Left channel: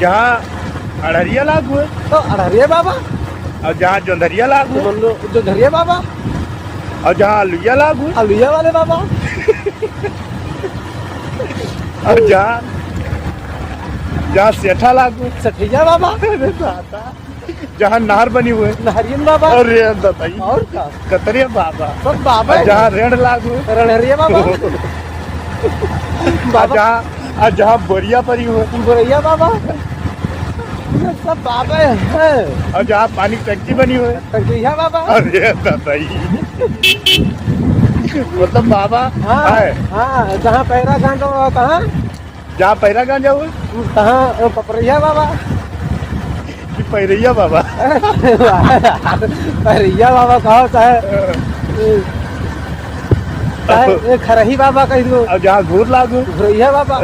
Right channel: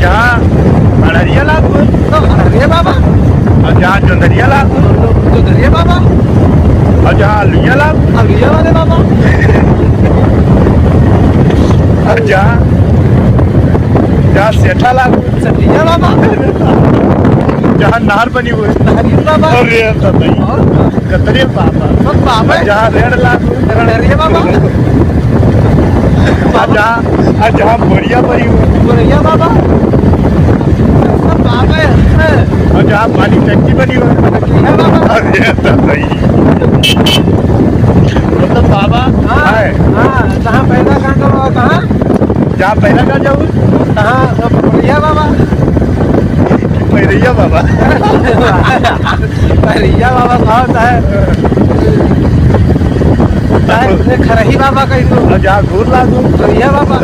जहाँ अड़रिया लागू है तो अरे बाबा और जहाँ जोंधरिया लागू है जो धरिए बाबा और जहाँ लुइया लागू है अलुया वाले बाबा और जहाँ जहाँ सेठा लागू है सटिया बाबा जहाँ नहर बनी हुई है हरियन बाबा अरे सतई और का कतरिया बाबा सब बाबा और जहाँ रेड लागू है रणहरिया बाबा और जहाँ बोरिया बनी हुई है गोरैया बाबा सब बाबा है और जहाँ पानी टंकी बनी हुई है सटिया बाबा अरे सतई मतलब बाबा हाँ है हाँ जहाँ पैदा कांड हुआ कहाँ जहाँ पहला जा जाऊँ कहाँ पपरिया बाबा पैरिया बाबा पहलिया बाबा कहा होता है खरही बाबा कही दो और जहाँ घूर लागू गोरैया बाबा